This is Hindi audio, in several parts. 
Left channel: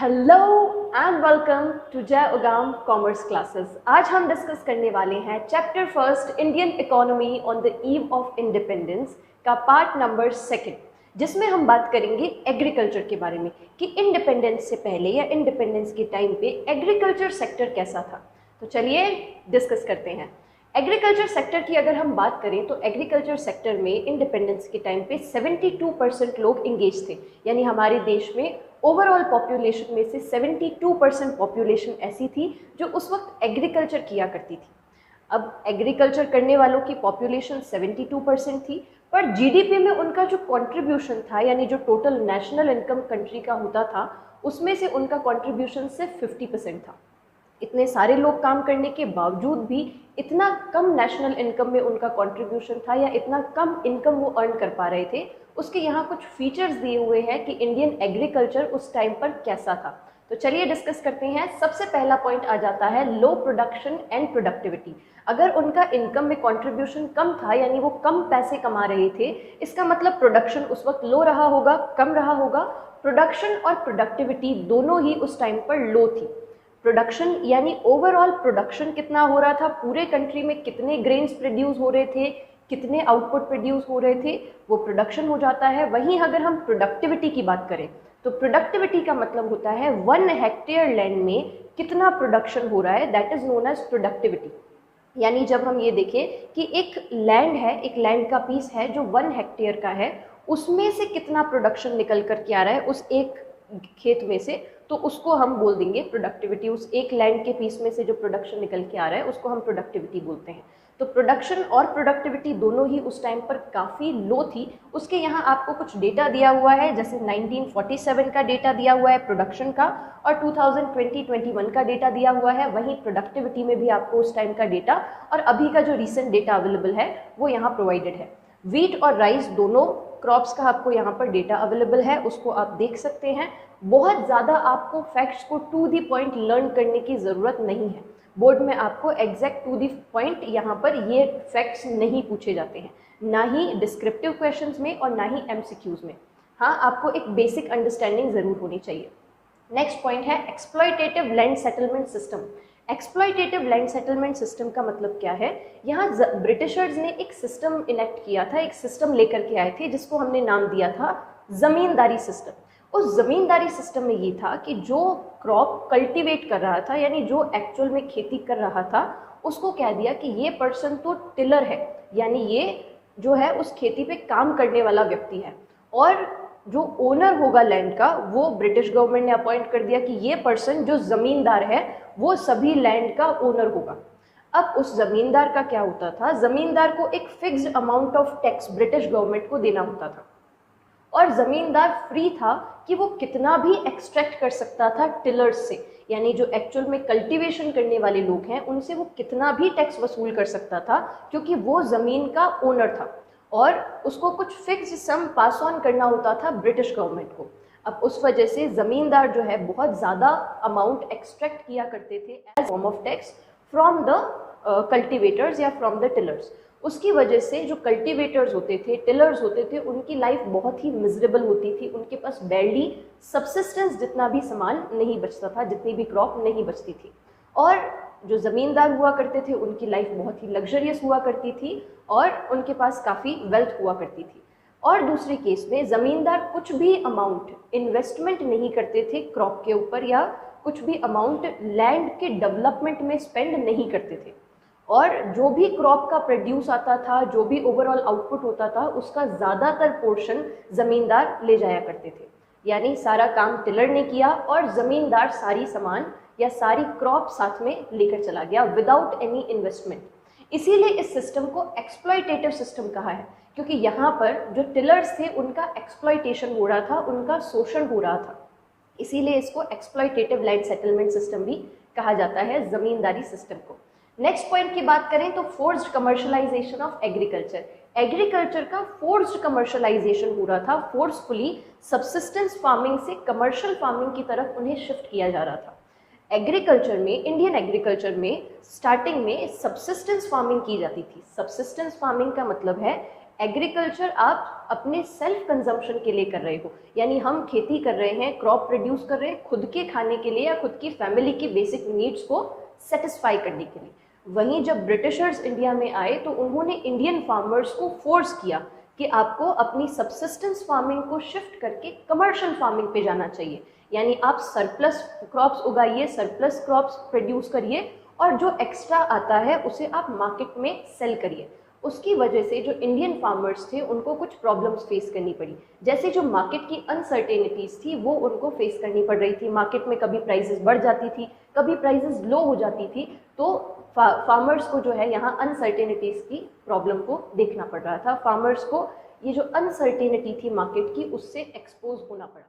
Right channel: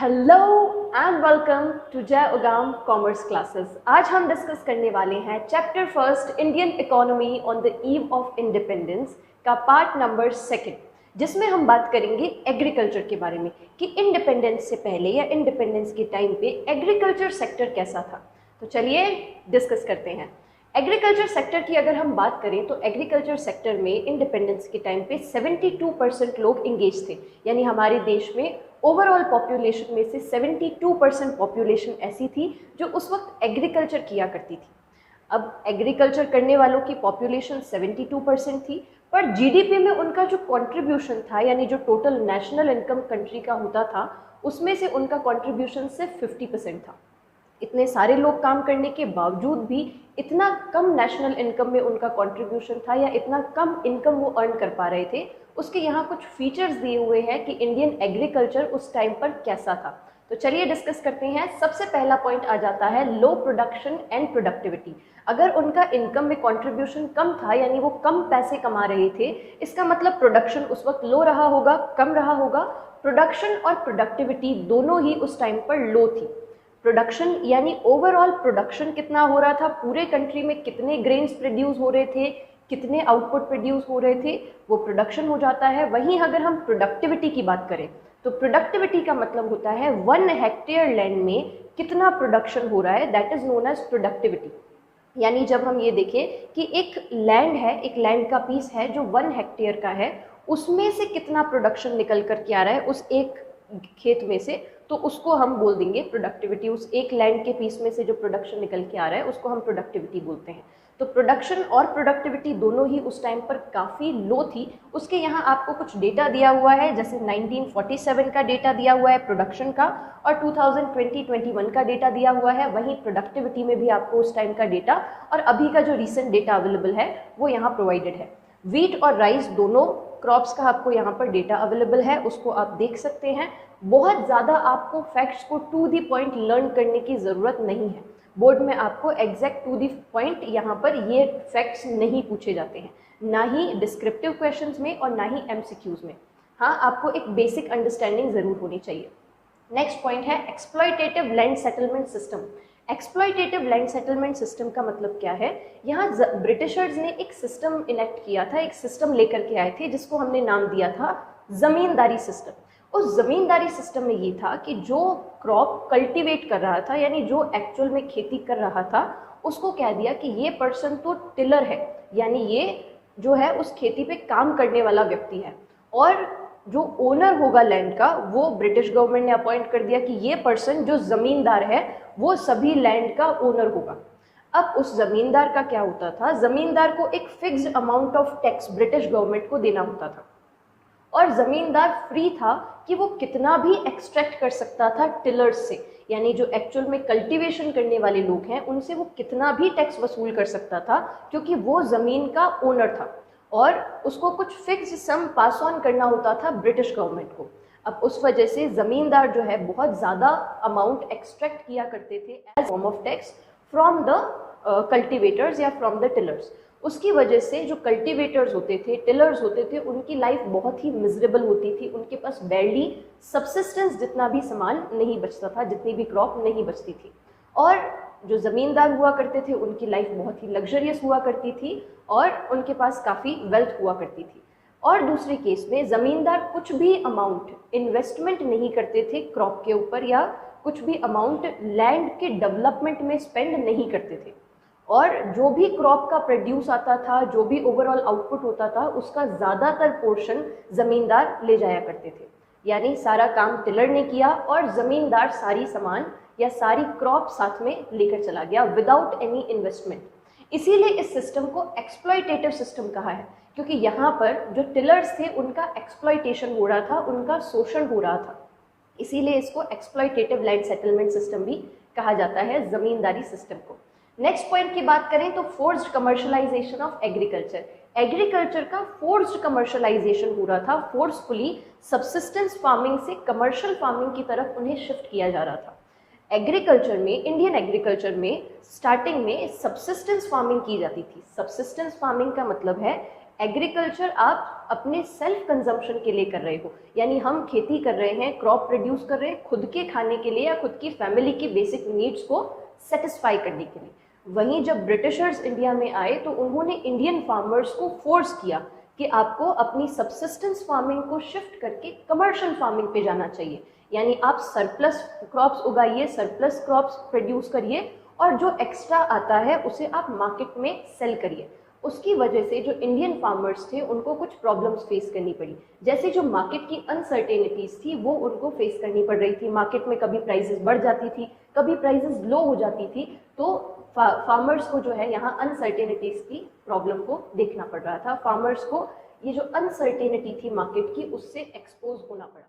हेलो एंड वेलकम टू जय उगाम कॉमर्स क्लासेस। आज हम डिस्कस करने वाले हैं chapter first Indian economy on the eve of independence का पार्ट नंबर सेकंड, जिसमें हम बात करेंगे एग्रीकल्चर के बारे में कि इंडिपेंडेंस से पहले या इंडिपेंडेंस के टाइम पे एग्रीकल्चर सेक्टर कैसा था। तो चलिए डिस्कस करते हैं। एग्रीकल्चर सेक्टर की अगर हम बात करें तो एग्रीकल्चर सेक्टर में इंडिपेंडेंस के टाइम पे 72% लोग इंगेज थे, यानी हमारे देश में ओवरऑल पॉपुलेशन में से 72% पॉपुलेशन ऐसी थी जो उस वक्त एग्रीकल्चर किया करती थी। अब एग्रीकल्चर करने वालों की पॉपुलेशन 72% थी, पर जीडीपी में उनका जो कंट्रीब्यूशन था, यानी जो टोटल नेशनल इनकम कंट्री का होता था, उसमें से उनका कंट्रीब्यूशन सिर्फ 50% था। इतने सारे लोग काम करने के बावजूद भी इतना कम नेशनल इनकम में उनका कंट्रीब्यूशन था, या इतना कम इनकम वो अर्न कर पा रहे थे। उसके यहाँ कुछ फीचर्स दिए हुए हैं कि इंडियन एग्रीकल्चर उस टाइम पर कैसा था। तो चलिए डिस्कस करते हैं। सबसे पहला पॉइंट आ जाता है लो प्रोडक्शन एंड प्रोडक्टिविटी। अगर उनका इनकम में कंट्रीब्यूशन कम था, यानी वो कम पैसे कमा रहे थे, इसका मतलब प्रोडक्शन उस वक्त लो रहा होगा, कम रहा होगा। प्रोडक्शन और प्रोडक्टिविटी दोनों ही उस टाइम पर लो थी। प्रोडक्शन यानी ओवरऑल प्रोडक्शन कितना हो रहा था, पूरे कंट्री में कितने ग्रेन्स प्रोड्यूस हो रहे थे, कितने आउटपुट प्रोड्यूस हो रहे थे, वो प्रोडक्शन हो जाता है। वहीं अगर हम प्रोडक्टिविटी की बात करें तो प्रोडक्टिविटी का मतलब होता है 1 हेक्टेयर लैंड में कितना प्रोडक्शन हो रहा है, that is known as productivity. यानी जब हम ये देखें कि एक लैंड है, एक लैंड का पीस है जो 1 हेक्टेयर का है, उसमें से कितना प्रोडक्शन निकल कर के आ रहा है उस एक खेत में से, तो उसको हम बोल देंगे प्रोडक्टिविटी। उस एक लैंड के पीस में से जो प्रोडक्शन निकल के आ रहा है उसको हम प्रोडक्टिविटी बोलते हैं। तो प्रोडक्शन और प्रोडक्टिविटी दोनों ही उस टाइम पर काफ़ी लो थी। उसके यहाँ आपको कुछ डेटा दिया हुआ है, जैसे 1947 का डेटा दिया हुआ है प्रोडक्शन का, और 2020-21 का डेटा दिया हुआ है। वहीं प्रोडक्टिविटी में भी आपको उस टाइम का डेटा और अभी का जो रिसेंट डेटा अवेलेबल है वो यहाँ प्रोवाइडेड है। वीट और राइस दोनों क्रॉप्स का आपको यहाँ पर डेटा अवेलेबल है, उसको आप देख सकते हैं। बहुत ज़्यादा आपको फैक्ट्स को टू दी पॉइंट लर्न करने की ज़रूरत नहीं है। बोर्ड में आपको एग्जैक्ट टू दी पॉइंट यहाँ पर ये फैक्ट्स नहीं पूछे जाते हैं, ना ही डिस्क्रिप्टिव क्वेश्चंस में और ना ही एमसीक्यूज में। हाँ, आपको एक बेसिक अंडरस्टैंडिंग ज़रूर होनी चाहिए। नेक्स्ट पॉइंट है exploitative land settlement system. Exploitative land settlement system का मतलब क्या है? यहाँ ब्रिटिशर्स ने एक सिस्टम इनेक्ट किया था, एक सिस्टम लेकर के आए थे जिसको हमने नाम दिया था जमींदारी सिस्टम। उस जमींदारी सिस्टम में ये था कि जो क्रॉप कल्टीवेट कर रहा था, यानी जो एक्चुअल में खेती कर रहा था, उसको कह दिया कि ये पर्सन तो टिलर है, यानी ये जो है उस खेती पे काम करने वाला व्यक्ति है। और जो ओनर होगा लैंड का, वो ब्रिटिश गवर्नमेंट ने अपॉइंट कर दिया कि ये पर्सन जो जमींदार है वो सभी लैंड का ओनर होगा। अब उस जमींदार का क्या होता था? जमींदार को एक fixed amount of tax British government को देना होता था, और जमींदार फ्री था कि वो कितना भी एक्सट्रैक्ट कर सकता था टिलर्स से, यानी जो एक्चुअल में कल्टीवेशन करने वाले लोग हैं उनसे वो कितना भी टैक्स वसूल कर सकता था, क्योंकि वो जमीन का ओनर था और उसको कुछ फिक्स सम पास ऑन करना होता था ब्रिटिश गवर्नमेंट को। अब उस वजह से जमींदार जो है बहुत ज़्यादा अमाउंट एक्सट्रैक्ट किया करते थे as form of tax from the cultivators या फ्रॉम द टिलर्स। उसकी वजह से जो कल्टिवेटर्स होते थे, टिलर्स होते थे, उनकी लाइफ बहुत ही मिजरेबल होती थी। उनके पास बैरली सब्सिस्टेंस जितना भी सामान नहीं बचता था, जितनी भी क्रॉप नहीं बचती थी। और जो ज़मींदार हुआ करते थे उनकी लाइफ बहुत ही लग्जरियस हुआ करती थी और उनके पास काफ़ी वेल्थ हुआ करती थी। और दूसरे केस में ज़मींदार कुछ भी अमाउंट इन्वेस्टमेंट नहीं करते थे क्रॉप के ऊपर, या कुछ भी अमाउंट लैंड के डेवलपमेंट में स्पेंड नहीं करते थे। और जो भी क्रॉप का प्रोड्यूस आता था, जो भी ओवरऑल आउटपुट होता था, उसका ज़्यादातर पोर्शन ज़मींदार ले जाया करते थे। यानी सारा काम टिलर ने किया और ज़मींदार सारी सामान या सारी क्रॉप साथ में लेकर चला गया विदाउट एनी इन्वेस्टमेंट। इसीलिए इस सिस्टम को एक्सप्लॉयटेटिव सिस्टम कहा है, क्योंकि यहाँ पर जो टिलर्स थे उनका एक्सप्लॉयटेशन हो रहा था, उनका शोषण हो रहा था। इसीलिए इसको एक्सप्लॉयटेटिव लैंड सेटलमेंट सिस्टम भी कहा जाता है, जमींदारी सिस्टम को। नेक्स्ट पॉइंट की बात करें तो forced commercialisation of agriculture. Agriculture का फोर्स्ड कमर्शलाइजेशन हो रहा था, फोर्सफुली सब्सिस्टेंस फार्मिंग से कमर्शियल फार्मिंग की तरफ उन्हें शिफ्ट किया जा रहा था। एग्रीकल्चर में, इंडियन एग्रीकल्चर में स्टार्टिंग में सब्सिस्टेंस फार्मिंग की जाती थी। सब्सिस्टेंस फार्मिंग का मतलब है एग्रीकल्चर आप अपने सेल्फ कंजम्पशन के लिए कर रहे हो, यानी हम खेती कर रहे हैं, क्रॉप प्रोड्यूस कर रहे हैं खुद के खाने के लिए या खुद की फैमिली की बेसिक नीड्स को सेटिस्फाई करने के लिए। वहीं जब ब्रिटिशर्स इंडिया में आए तो उन्होंने इंडियन फार्मर्स को फोर्स किया कि आपको अपनी सबसिस्टेंस फार्मिंग को शिफ्ट करके कमर्शियल फार्मिंग पे जाना चाहिए, यानी आप सरप्लस क्रॉप्स उगाइए, सरप्लस क्रॉप्स प्रोड्यूस करिए और जो एक्स्ट्रा आता है उसे आप मार्केट में सेल करिए। उसकी वजह से जो इंडियन फार्मर्स थे उनको कुछ प्रॉब्लम्स फेस करनी पड़ी, जैसे जो मार्केट की अनसर्टेनिटीज थी वो उनको फेस करनी पड़ रही थी। मार्केट में कभी प्राइसेस बढ़ जाती थी, कभी प्राइसेस लो हो जाती थी, तो फार्मर्स को जो है यहाँ अनसर्टेनिटीज की प्रॉब्लम को देखना पड़ रहा था। फार्मर्स को ये जो अनसर्टेनिटी थी मार्केट की उससे एक्सपोज होना पड़ा।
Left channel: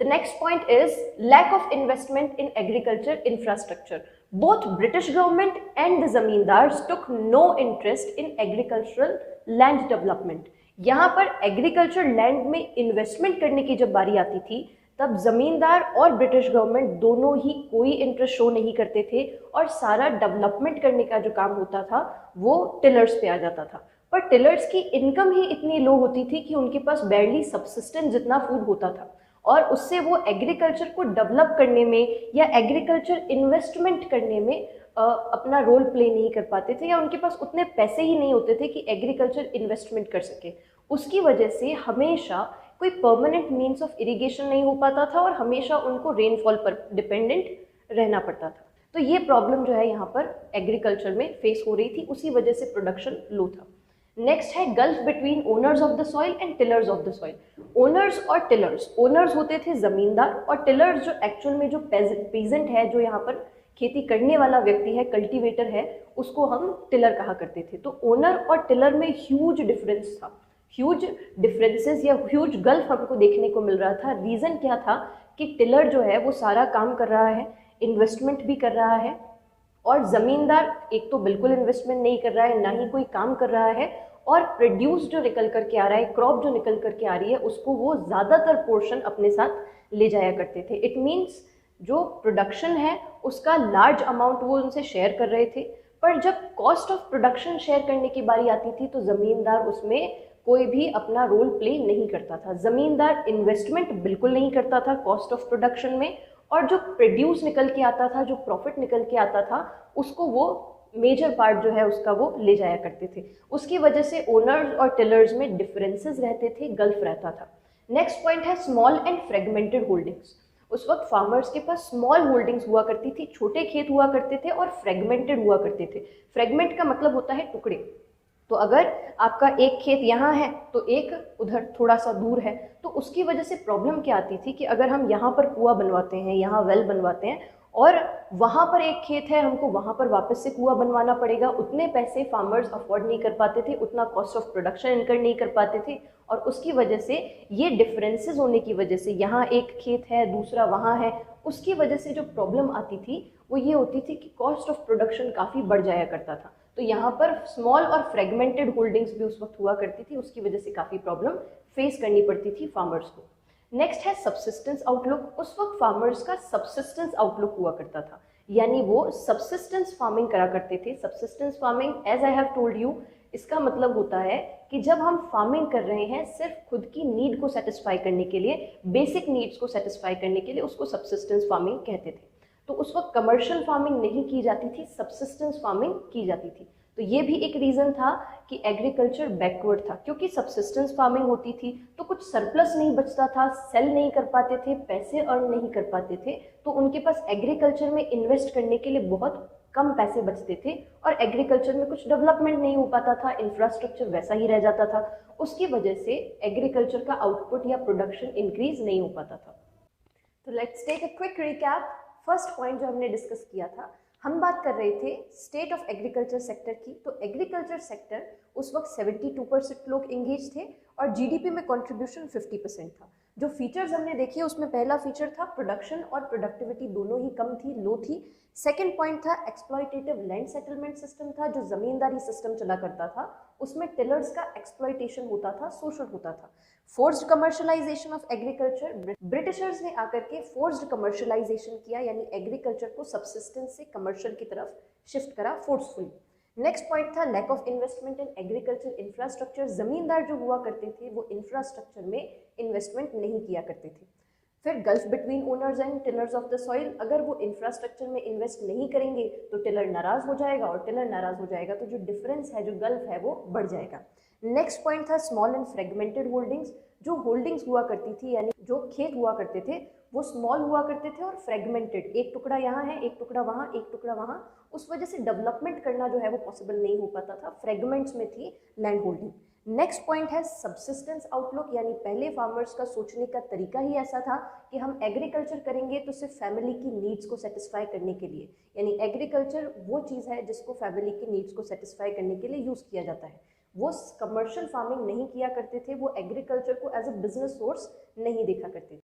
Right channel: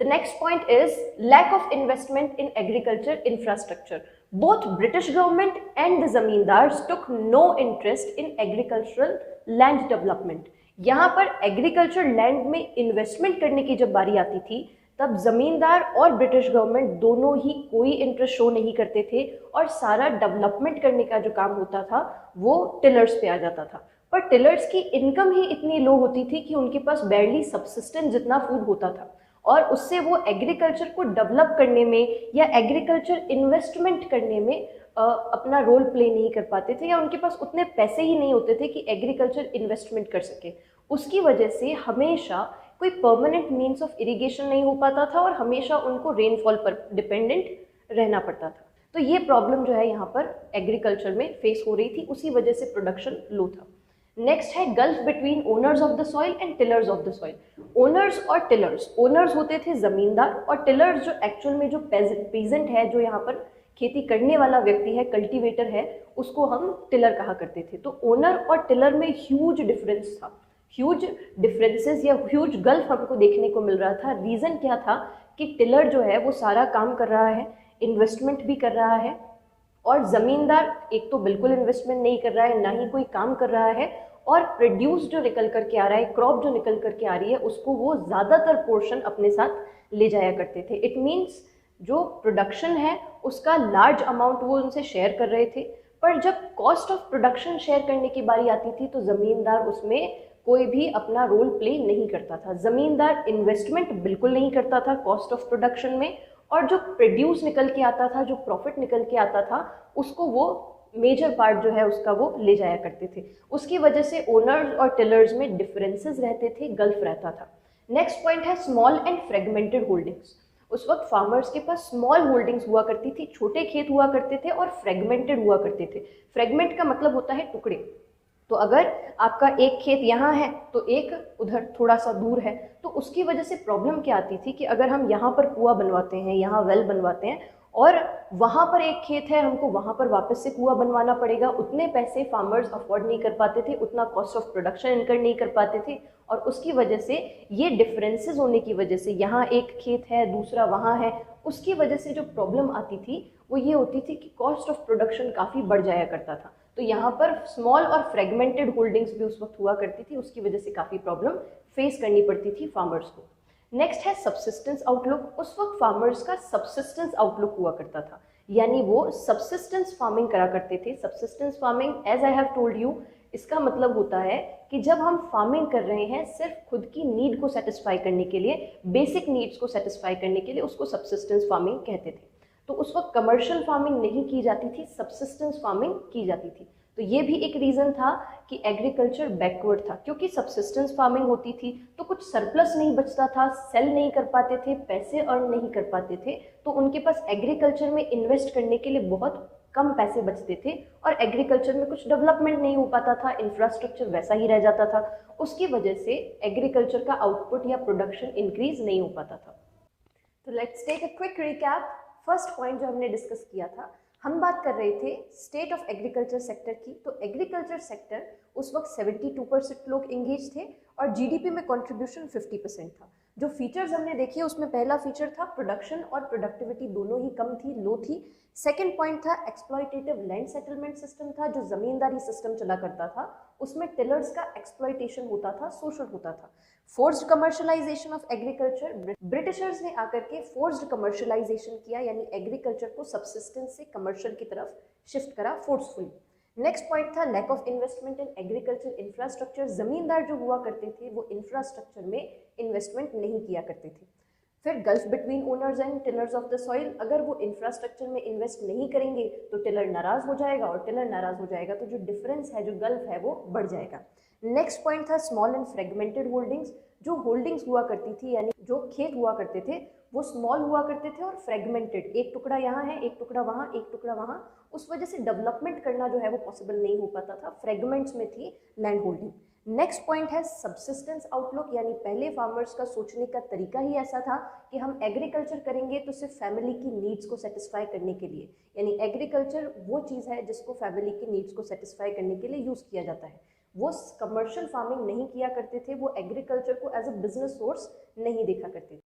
The next point is lack of investment in agriculture infrastructure. Both British government and the zamindars took no interest in agricultural land development. यहाँ पर एग्रीकल्चर लैंड में इन्वेस्टमेंट करने की जब बारी आती थी तब जमींदार और ब्रिटिश गवर्नमेंट दोनों ही कोई इंटरेस्ट शो नहीं करते थे और सारा डेवलपमेंट करने का जो काम होता था वो टिलर्स पे आ जाता था। पर टिलर्स की इनकम ही इतनी लो होती थी कि उनके पास बैरली सबसिस्टेंस जितना फूड होता था और उससे वो एग्रीकल्चर को डेवलप करने में या एग्रीकल्चर इन्वेस्टमेंट करने में अपना रोल प्ले नहीं कर पाते थे, या उनके पास उतने पैसे ही नहीं होते थे कि एग्रीकल्चर इन्वेस्टमेंट कर सके। उसकी वजह से हमेशा कोई परमानेंट मीन्स ऑफ इरिगेशन नहीं हो पाता था और हमेशा उनको रेनफॉल पर डिपेंडेंट रहना पड़ता था। तो ये प्रॉब्लम जो है यहाँ पर एग्रीकल्चर में फेस हो रही थी, उसी वजह से प्रोडक्शन लो था। नेक्स्ट है gulf between owners of the soil and tillers of the soil. Owners और टिलर्स, ओनर्स होते थे जमींदार और टिलर्स जो एक्चुअल में जो पेजेंट है, जो यहाँ पर खेती करने वाला व्यक्ति है, कल्टीवेटर है, उसको हम टिलर कहा करते थे। तो ओनर और टिलर में ह्यूज डिफरेंस था, ह्यूज डिफरेंसेस या ह्यूज गल्फ हमको देखने को मिल रहा था। रीजन क्या था कि टिलर जो है वो सारा काम कर रहा है, इन्वेस्टमेंट भी कर रहा है, और जमींदार एक तो बिल्कुल इन्वेस्टमेंट नहीं कर रहा है, ना ही कोई काम कर रहा है, और प्रोड्यूस जो निकल करके आ रहा है, क्रॉप जो निकल करके आ रही है, उसको वो ज्यादातर पोर्शन अपने साथ ले जाया करते थे। इट मीन्स जो प्रोडक्शन है उसका लार्ज अमाउंट वो उनसे शेयर कर रहे थे। पर जब कॉस्ट ऑफ प्रोडक्शन शेयर करने की बारी आती थी तो जमींदार उसमें कोई भी अपना रोल प्ले नहीं करता था। जमींदार इन्वेस्टमेंट बिल्कुल नहीं करता था कॉस्ट ऑफ प्रोडक्शन में, और जो प्रोड्यूस निकल के आता था, जो प्रॉफिट निकल के आता था, उसको वो मेजर पार्ट जो है उसका वो ले जाया करते थे। उसकी वजह से ओनर्स और टिलर्स में डिफरेंसेस रहते थे, गल्फ रहता था। नेक्स्ट पॉइंट है स्मॉल एंड फ्रेगमेंटेड होल्डिंग्स। उस वक्त फार्मर्स के पास स्मॉल होल्डिंग्स हुआ करती थी, छोटे खेत हुआ करते थे, और फ्रेगमेंटेड हुआ करते थे। फ्रेगमेंट का मतलब होता है टुकड़े। तो अगर आपका एक खेत यहाँ है तो एक उधर थोड़ा सा दूर है, तो उसकी वजह से प्रॉब्लम क्या आती थी कि अगर हम यहाँ पर कुआं बनवाते हैं, यहाँ वेल बनवाते हैं, और वहाँ पर एक खेत है, उनको वहाँ पर वापस से कुआं बनवाना पड़ेगा, उतने पैसे फार्मर्स अफोर्ड नहीं कर पाते थे, उतना कॉस्ट ऑफ प्रोडक्शन इनकर नहीं कर पाते थे, और उसकी वजह से ये डिफरेंसेस होने की वजह से यहाँ एक खेत है, दूसरा वहाँ है, उसकी वजह से जो प्रॉब्लम आती थी वो ये होती थी कि कॉस्ट ऑफ प्रोडक्शन काफ़ी बढ़ जाया करता था। तो यहाँ पर स्मॉल और फ्रेगमेंटेड होल्डिंग्स भी उस वक्त हुआ करती थी, उसकी वजह से काफ़ी प्रॉब्लम फेस करनी पड़ती थी फार्मर्स को। नेक्स्ट है सबसिस्टेंस आउटलुक। उस वक्त फार्मर्स का सबसिस्टेंस आउटलुक हुआ करता था, यानी वो सबसिस्टेंस फार्मिंग करा करते थे। Subsistence farming, as I have told you, इसका मतलब होता है कि जब हम फार्मिंग कर रहे हैं सिर्फ खुद की नीड को सेटिस्फाई करने के लिए, बेसिक नीड्स को सेटिस्फाई करने के लिए, उसको सबसिस्टेंस फार्मिंग कहते थे। तो उस वक्त कमर्शियल फार्मिंग नहीं की जाती थी, सबसिस्टेंस फार्मिंग की जाती थी। तो ये भी एक रीजन था कि एग्रीकल्चर बैकवर्ड था, क्योंकि सबसिस्टेंस फार्मिंग होती थी तो कुछ सरप्लस नहीं बचता था, सेल नहीं कर पाते थे, पैसे अर्न नहीं कर पाते थे, तो उनके पास एग्रीकल्चर में इन्वेस्ट करने के लिए बहुत कम पैसे बचते थे, और एग्रीकल्चर में कुछ डेवलपमेंट नहीं हो पाता था, इंफ्रास्ट्रक्चर वैसा ही रह जाता था। उसकी वजह से एग्रीकल्चर का आउटपुट या प्रोडक्शन इंक्रीज नहीं हो पाता था। तो let's take a quick recap. First point जो हमने डिस्कस किया था, हम बात कर रहे थे स्टेट ऑफ एग्रीकल्चर सेक्टर की। तो एग्रीकल्चर सेक्टर उस वक्त 72% लोग एंगेज थे और जीडीपी में कंट्रीब्यूशन 50% था। जो फीचर्स हमने देखे उसमें पहला फीचर था प्रोडक्शन और प्रोडक्टिविटी दोनों ही कम थी, लो थी। सेकेंड पॉइंट था एक्सप्लॉयटेटिव लैंड सेटलमेंट सिस्टम था, जो जमींदारी सिस्टम चला करता था, उसमें टिलर्स का एक्सप्लॉयटेशन होता था, शोषण होता था। Forced commercialisation of agriculture, Britishers ने आकर के फोर्स्ड कमर्शलाइजेशन किया, यानी एग्रीकल्चर को सबसिस्टेंस से कमर्शियल की तरफ शिफ्ट करा फोर्सफुली। नेक्स्ट पॉइंट था lack of investment in agriculture infrastructure. Zamindar जो हुआ करते थे वो इंफ्रास्ट्रक्चर में इन्वेस्टमेंट नहीं किया करते थे। फिर gulf between owners and tillers of the soil, अगर वो इंफ्रास्ट्रक्चर में इन्वेस्ट नहीं करेंगे तो टिलर नाराज हो जाएगा, और टिलर नाराज हो जाएगा तो जो डिफरेंस है, जो गल्फ है, वो बढ़ जाएगा। नेक्स्ट पॉइंट था स्मॉल एंड फ्रेगमेंटेड होल्डिंग्स। जो होल्डिंग्स हुआ करती थी, यानी जो खेत हुआ करते थे, वो स्मॉल हुआ करते थे और फ्रेगमेंटेड, एक टुकड़ा यहाँ है, एक टुकड़ा वहाँ, एक टुकड़ा वहाँ। उस वजह से डेवलपमेंट करना जो है वो पॉसिबल नहीं हो पाता था, फ्रेगमेंट्स में थी लैंड होल्डिंग। नेक्स्ट पॉइंट है सब्सिस्टेंस आउटलुक, यानी पहले फार्मर्स का सोचने का तरीका ही ऐसा था कि हम एग्रीकल्चर करेंगे तो सिर्फ फैमिली की नीड्स को सेटिस्फाई करने के लिए, यानी एग्रीकल्चर वो चीज़ है जिसको फैमिली की नीड्स को सेटिस्फाई करने के लिए यूज़ किया जाता है। वो कमर्शियल फार्मिंग नहीं किया करते थे, वो एग्रीकल्चर को एज अ बिजनेस सोर्स नहीं देखा करते थे।